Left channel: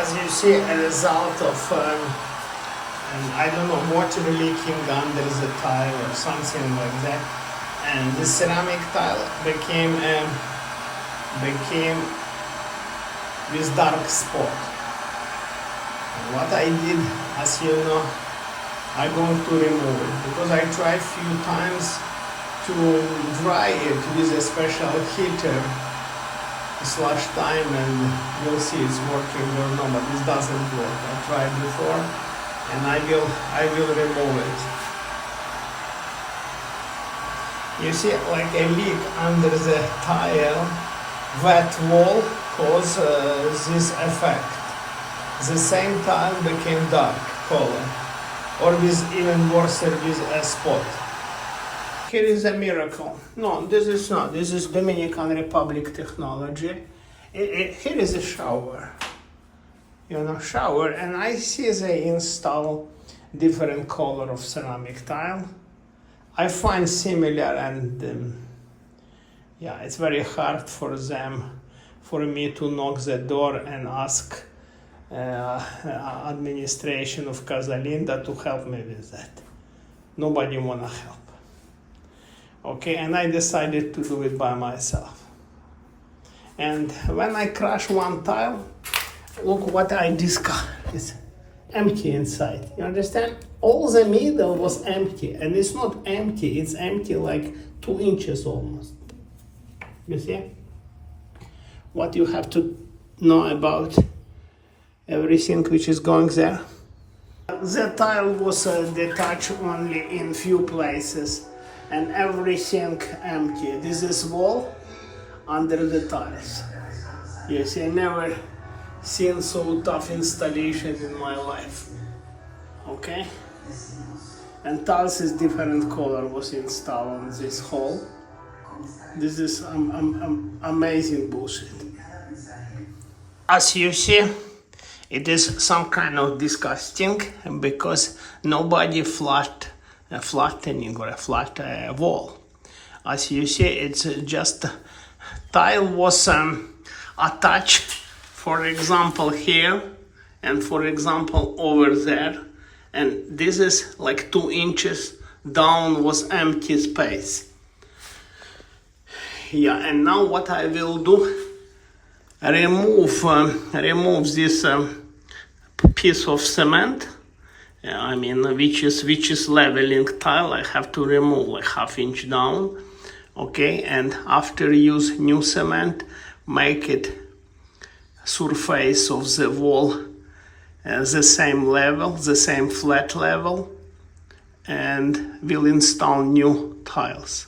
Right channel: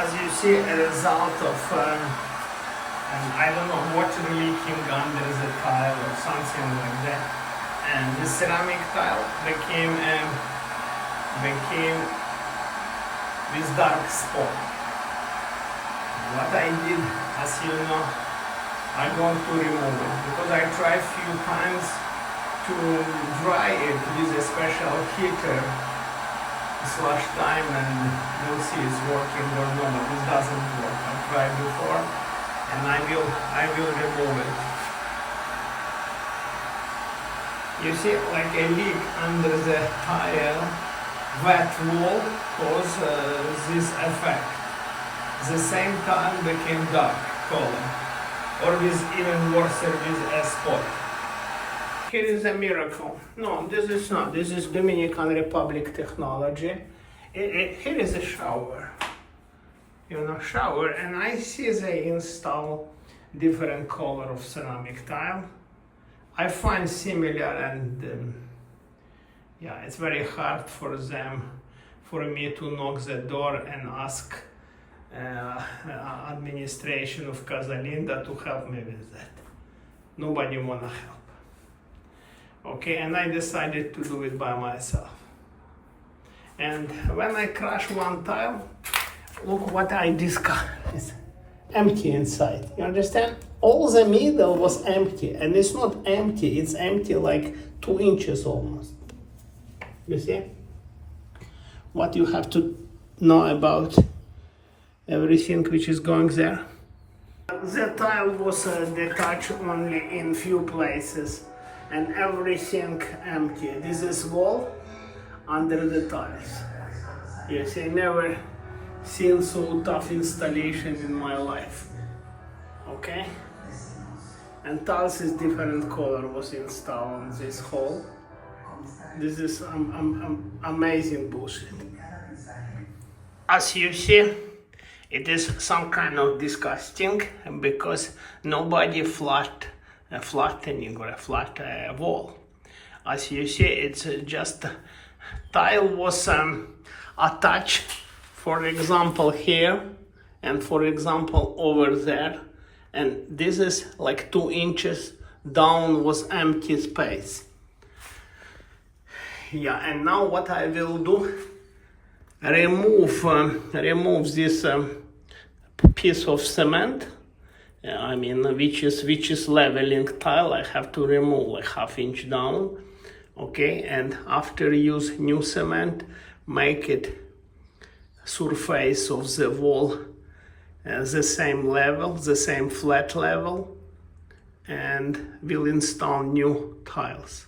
As you see, a result of I don't know, water leaking under the tile or something like that, and the ceramic tile became this dark spot. What I did, as you know, I'm going to remove it because I tried few times to dry it with a special heater slash time, and we'll see it's working or not, but this doesn't work. I tried before, and I will remove it. You see, like a leak under the tile, wet wall causes this effect. The same tile became dark color, or with even worse with a spot. Here is a miracle. No, this is not. This is Dominican Republic technology. Here is a shower. Shower, and I see they install different color of ceramic tile. I find similar, and yeah, it's very hard for me to knock the door and ask administration of Casa Linda to help me with that. Nobody wanna help. Okay, and I decided to do it by myself. And when I crash one tile, look what I discovered. It's empty inside. You understand? All the middle was empty, and it's not empty, it's empty like 2 inches almost. You see? What you have to know about everything which is going there. The tile was detached only in few places, and everything empty. This is wall under the tiles. Yes, I never seen so tough installation in my life. Okay? And tiles is different color was installed on this hole. This is amazing bullshit. As you see, it is some kind of disgusting because nobody flattening or a flat wall. As you see, it's just tile was attached, for example here, and for example over there, and this is like 2 inches down was empty space. Yeah, and now what I will do, remove this piece of cement. Which is leveling tile. I have to remove like 1/2 inch down. Okay, and after use new cement, make it surface of the wall the same level, the same flat level, and will install new tiles.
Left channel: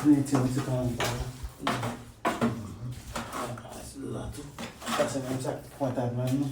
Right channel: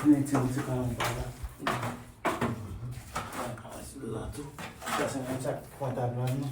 Ini tu sekarang pada. Sudah tu. Kita macam kuatan mana?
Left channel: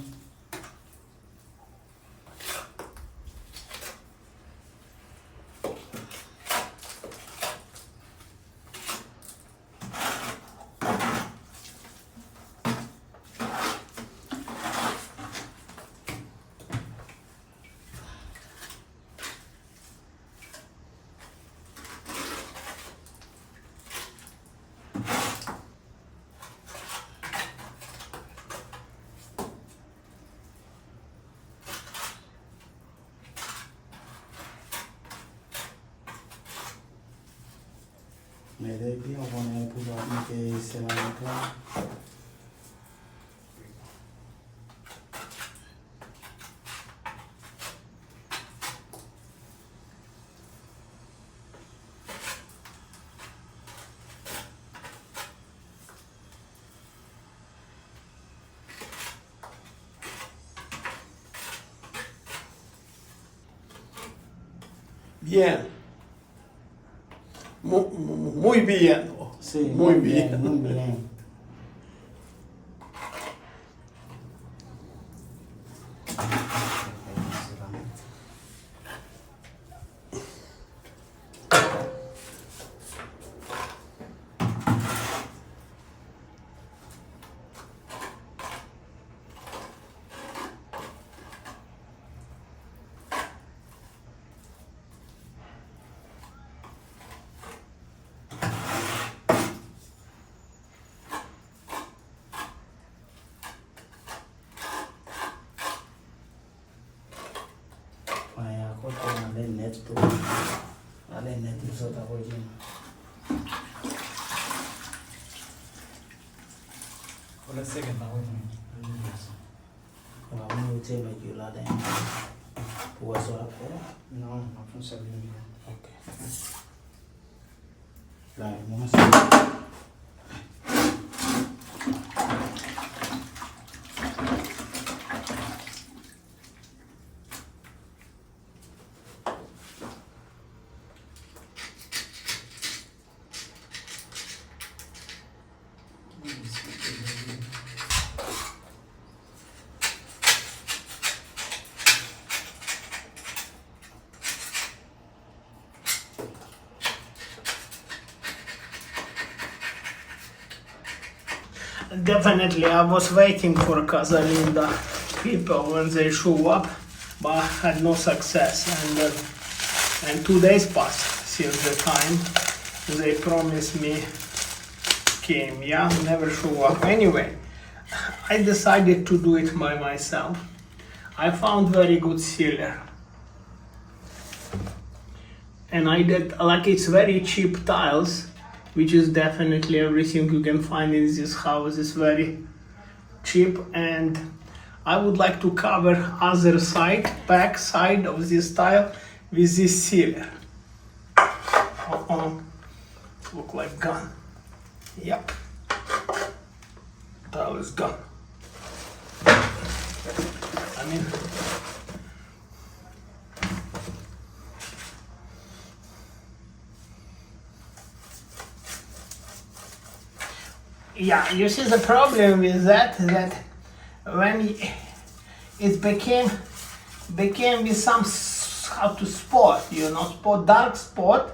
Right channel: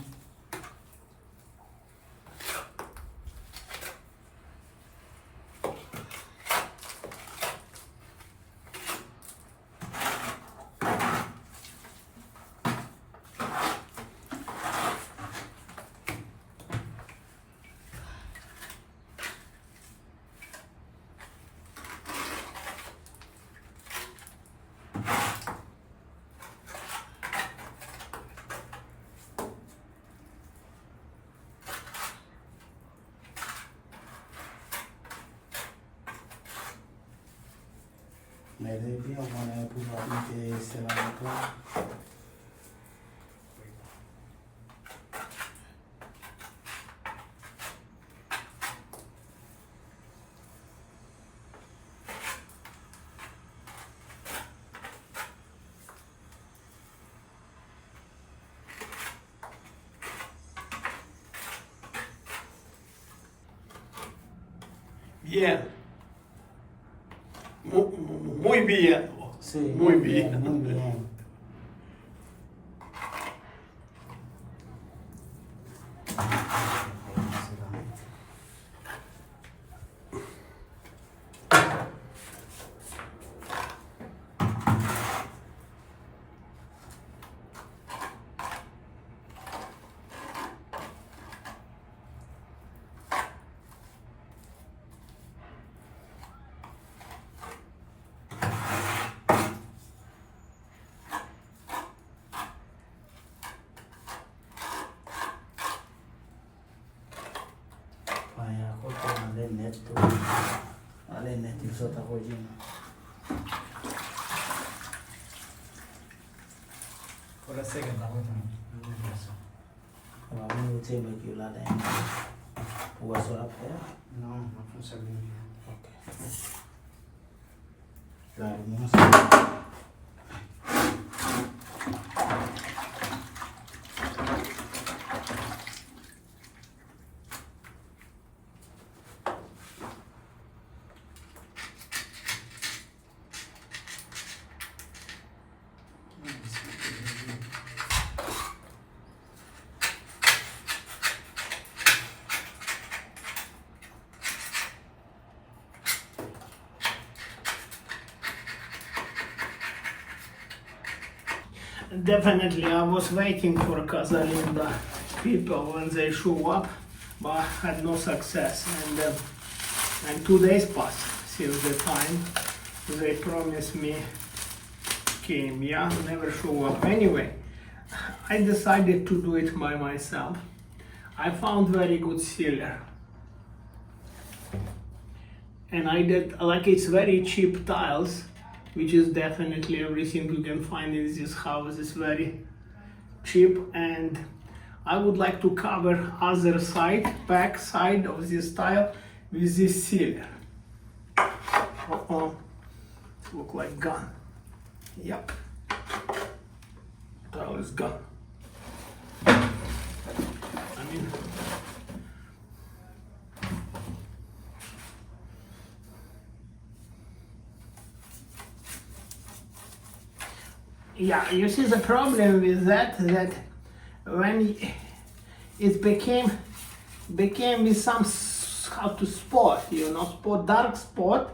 Maybe I want to put up the cement. Bien. Muy bien. Sí, Muy bien. Muy bien. Ale net isso tá rodinho. Ora second now. Vamos ter aqui lá dentro. O azul lá fora? No, non funziona. Ok. Lá, vamos. Definitely, I was waiting for Casa Linda people when they show up, but I had no success. And 2 days passed since the time they promised me came. Yeah, never show up. Anyway, I decided to do it by myself. I found very good sealer, and I did like it's very cheap tiles, which is definitely everything you can find in this house is very cheap. And I would like to cover other side, back side of this tile with this sealer. Look like gone. Yep, tile is gone. I mean, yeah, you see the problem with that when it became with some how to spot, you know, dark spot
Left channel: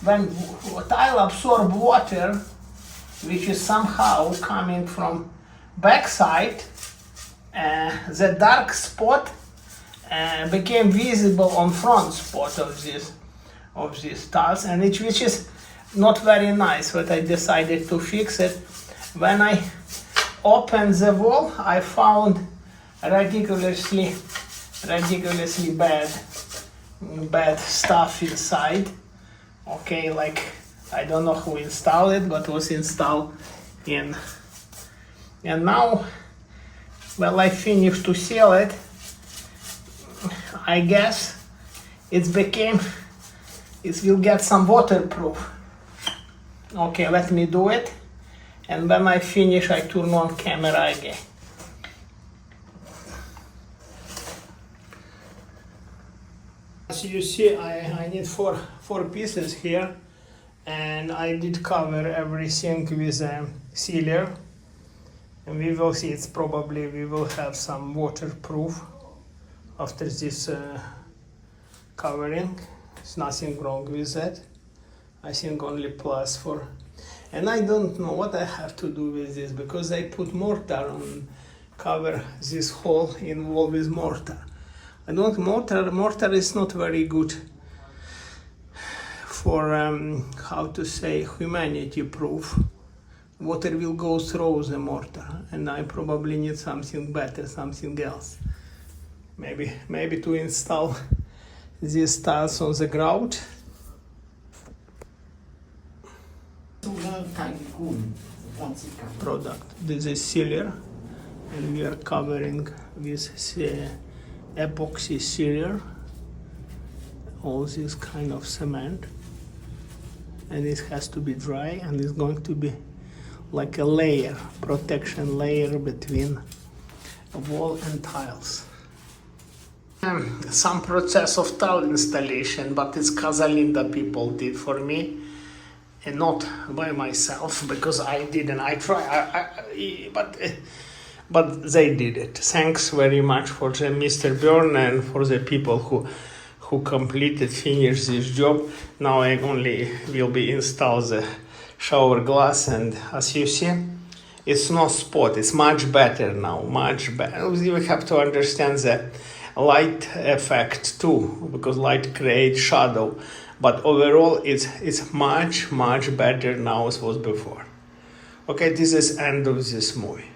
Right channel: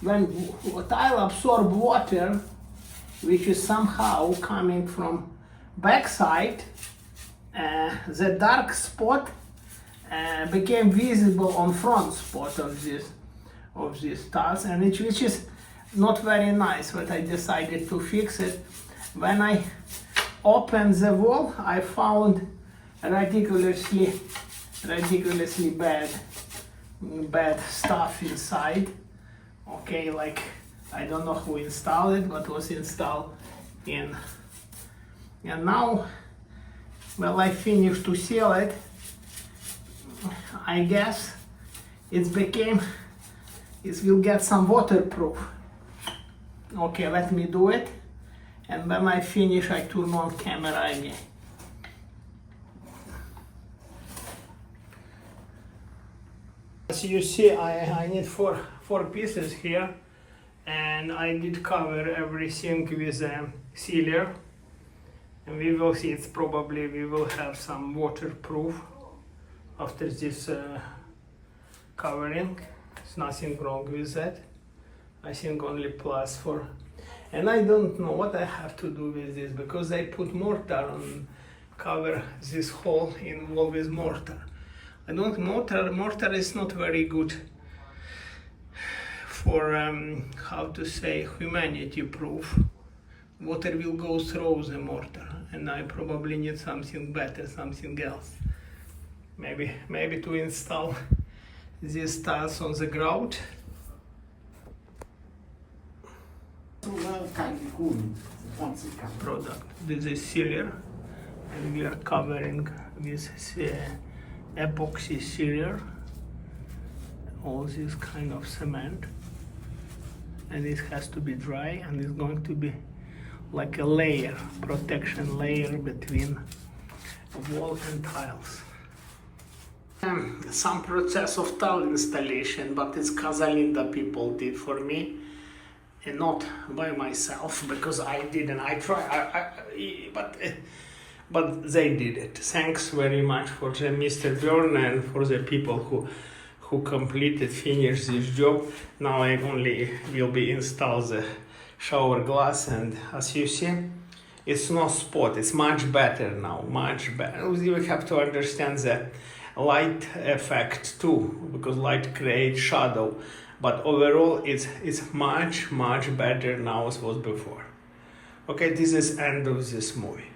when tile absorb water, which is somehow coming from backside. The dark spot became visible on front spot of this tiles, and which is not very nice. But I decided to fix it. When I opened the wall, I found ridiculously bad stuff inside. Okay, like I don't know who installed it, but was installed in. And now, well, I finished to seal it. I guess it will get some waterproof. Okay, let me do it. And when I finish, I turn on camera again. As you see, I need four pieces here, and I did cover everything with a sealer, and we will see. It's probably we will have some waterproof after this covering. There's nothing wrong with that. I think only plus for, and I don't know what I have to do with this because I put mortar on, cover this hole in wall with mortar. I don't mortar is not very good for how to say humanity proof. Water will go through the mortar, and I probably need something better, something else. Maybe to install these tiles on the ground. Product. This is sealer, and we are covering with epoxy sealer all this kind of cement, and it has to be dry, and it's going to be like a layer, protection layer between wall and tiles. Some process of tile installation, but it's Casa Linda people did for me, and not by myself, because I didn't. I try, but they did it. Thanks very much for the Mr. Byrne and for the people who finished this job. Now I only will be install the shower glass, and as you see, it's no spot. It's much better now, much better. You have to understand the light effect too, because light creates shadow. But overall, it's much better now as was before. Okay, this is end of this movie.